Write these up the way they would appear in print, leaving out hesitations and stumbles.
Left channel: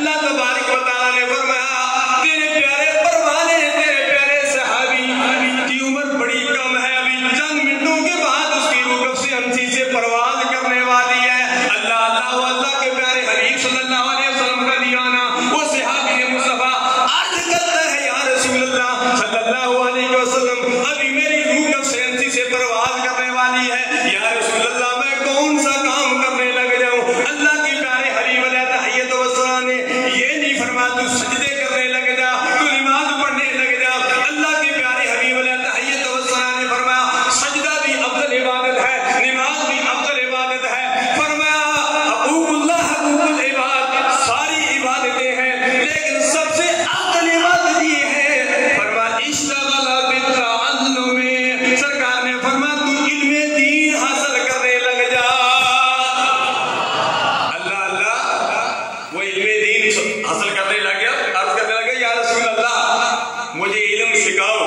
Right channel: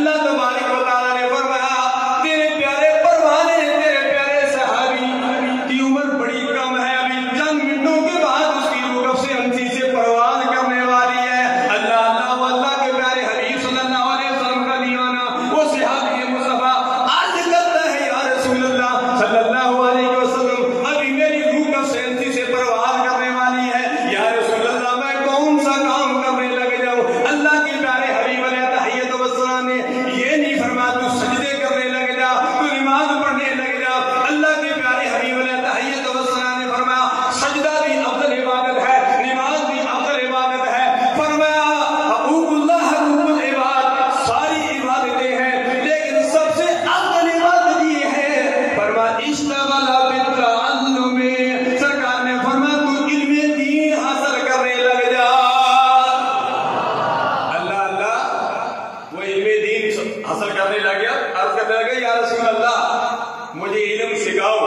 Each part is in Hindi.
अल्लाह तबारक व तआला ने फरमाया तेरे प्यारे परवाने, तेरे प्यारे सहाबी की उम्र बड़ी कम है, अभी चंद मिनटों के बाद उसकी रूह कब्ज़ हमसी से परवाज करने वाली है। अल्लाह के प्यारे हबीब सल्लल्लाहु अलैहि वसल्लम का दीवाना वो सहाबी मुस्तफा अर्ज़ करता है या रसूल अल्लाह सल्लल्लाहु अलैहि वसल्लम, अभी मेरी रूह कब्ज़ हमसी से परवाज करने वाली है, या रसूल अल्लाह मैं कौन सा काम करने लग जाऊं? अल्लाह के प्यारे हबीब अलैहिस्सलातु वस्सलाम ने ये नहीं फरमाया तू सजदे करने लग जा, तू नमाज पढ़ने लग जा। अल्लाह के प्यारे हबीब अलैहिस्सलातु वस्सलाम ने फरमाया सजदा भी अफजल इबादत है, नमाज भी अफजल इबादत है। फरमाया हकूकुल्लाह हकूकुल इबाद, सारी इबादतें हैं लेकिन सबसे अफजल इबादत ये है फरमाया इश्तगला बित्तअल्लुम, सरकार ने फरमाया तू इल्मे दीन हासिल करने लग जा। अल्लाह वो इल्मे दीन हासिल करने लग गया, अर्ज करने लगे या रसूल अल्लाह मुझे इल्म सिखाओ।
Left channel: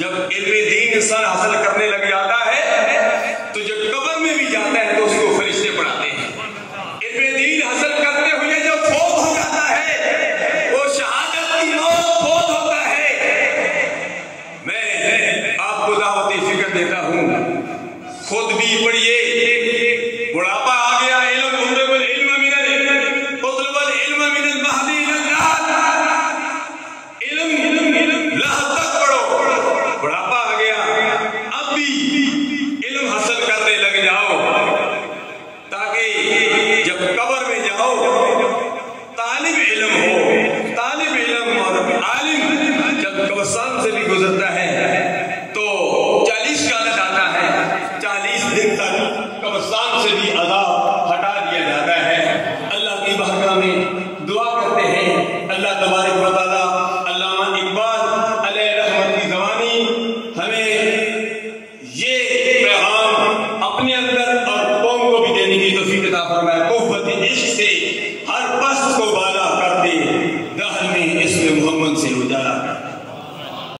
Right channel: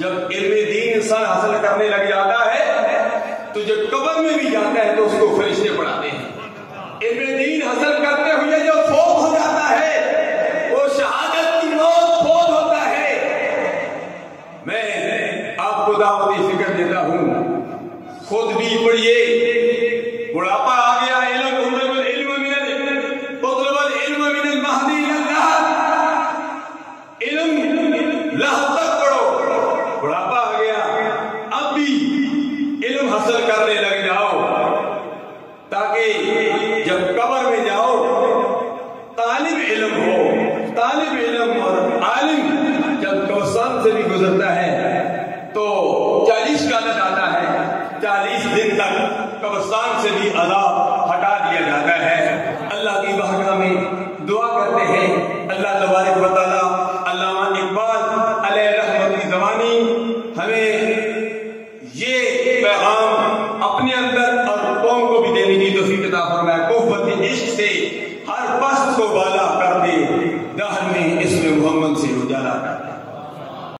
जब इल्मे दीन इंसान हासिल करने लग जाता है तो जब कब्र में भी जाता है तो उसको